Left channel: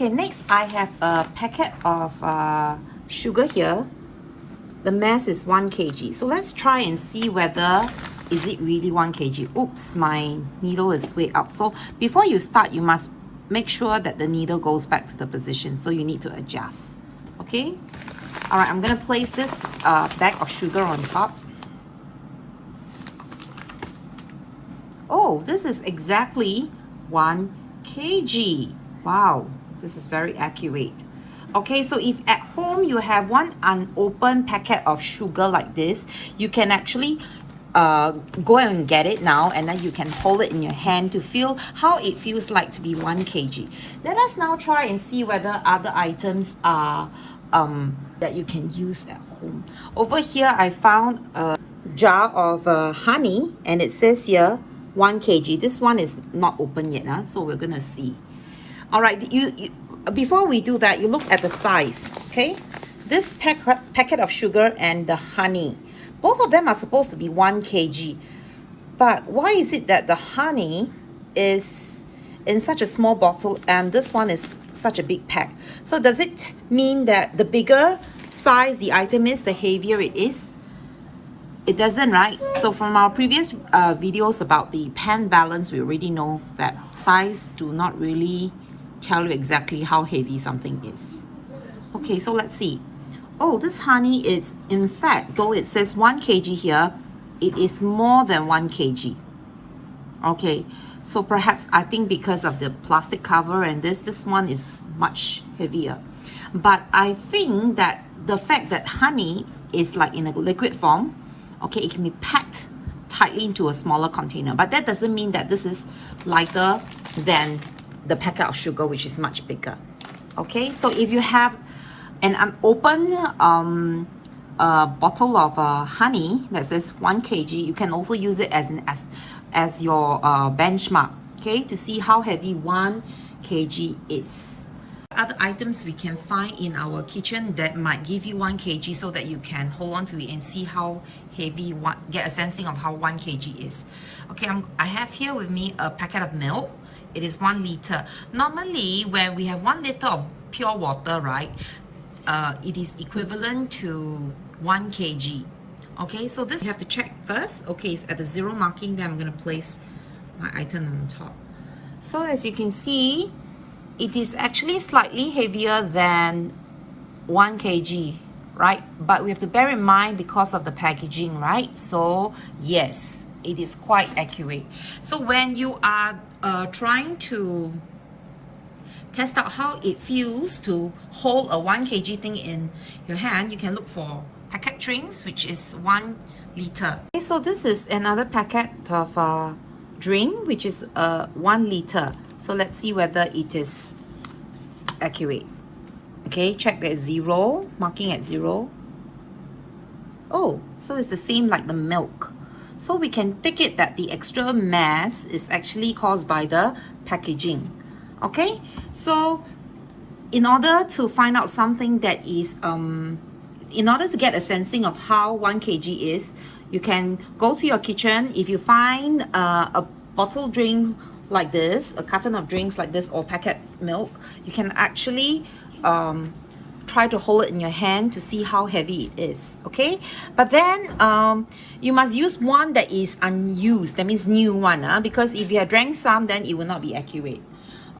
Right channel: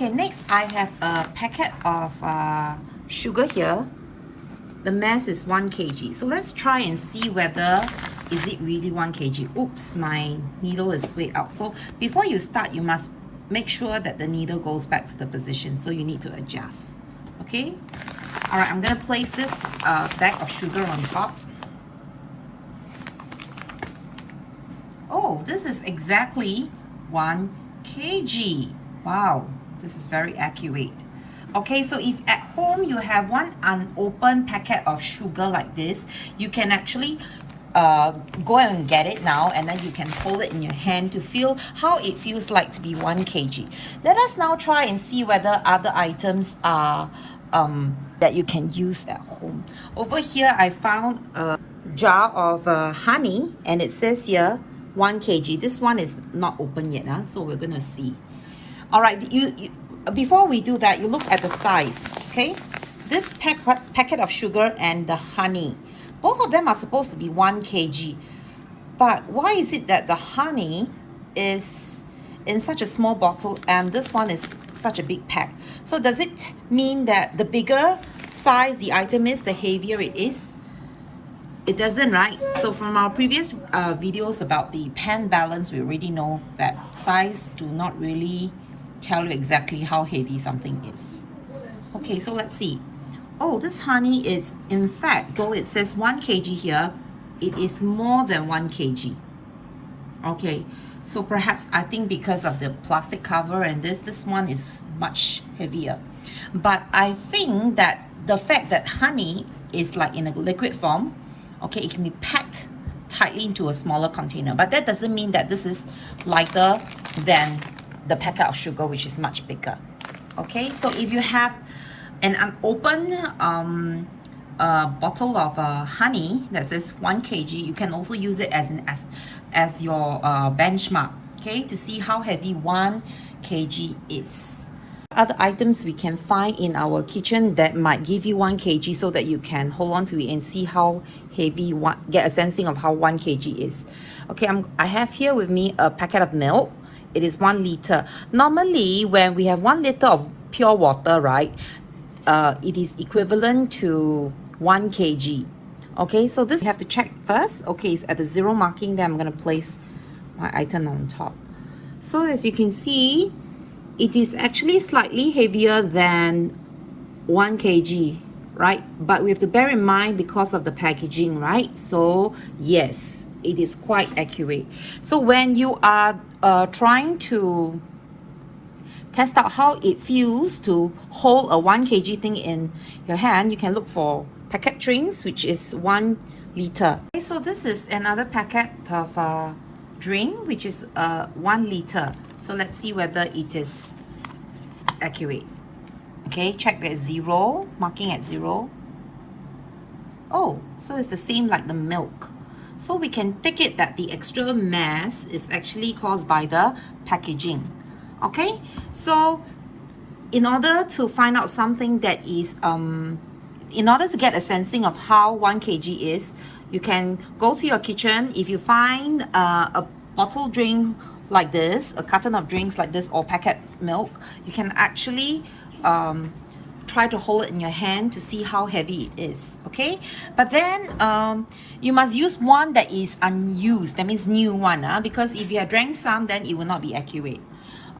Okay, next I have a packet of sugar here. The mass is 1 kg. So let's try and see whether is it really 1 kg. Oops, my needle is way out. So before you start, you must make sure that the needle goes back to the position. So you need to adjust. Okay? All right, I'm going to place this bag of sugar on top. Oh, this is exactly 1 kg. Wow, this is very accurate. Okay, so if at home you have one unopened packet of sugar like this, you can actually go and get it now, and then you can hold it in your hand to feel how it feels like to be 1 kg. Let us now try and see whether other items are that you can use at home. Over here, I found a jar of honey, and it says here 1 kg. This one is not open yet, so we're gonna see. All right, before we do that, you look at the size, okay? This packet of sugar and the honey, both of them are supposed to be 1 kg. But why is it that the honey is in such a small bottle and this one is such a big pack? So does it mean that the bigger size the item is, the heavier it is? It doesn't, right? So from our previous videos about the pan balance, we already know that size do not really tell you exactly how heavy something is. Okay, so let's see. Oh, this honey is, in fact, though it says 1 kg here, it is more than 1 kg. Okay, so perhaps I think because of the plastic cover and this one is much heavier. But I think that the fact that honey is like in a liquid form, okay, it can be packed tightly into a smaller container. But that doesn't mean that this is lighter than the packet of sugar, which is much bigger. Okay, so if you have an unopened bottle of honey that says 1 kg, you can also use it as your benchmark, okay, to see how heavy 1 kg is. Other items we can find in our kitchen that might give you 1 kg so that you can hold on to it and see how heavy get a sensing of how 1 kg is. Okay, I have here with me a packet of milk. It is 1 liter. Normally, when we have 1 liter of pure water, right, it is equivalent to 1 kg. Okay, so this you have to check first. Okay, it's at the 0 marking. Then I'm going to place my item on top. So as you can see, it is actually slightly heavier than 1 kg, right? But we have to bear in mind because of the packaging, right? So yes, it is quite accurate. So when you are trying to test out how it feels to hold a 1 kg thing in your hand, you can look for packet drinks, which is 1 liter. Okay, so this is another packet of drink, which is 1 liter. So let's see whether it is accurate. Okay, check that 0, marking at 0. Oh, so it's the same like the milk. So we can take it that the extra mass is actually caused by the packaging. Okay, so in order to find out something that is, in order to get a sensing of how 1 kg is, you can go to your kitchen. If you find a bottled drink like this, a carton of drinks like this, or packet milk, you can actually try to hold it in your hand to see how heavy it is. Okay, but then you must use one that is unused, that means new one, because if you have drank some, then it will not be accurate.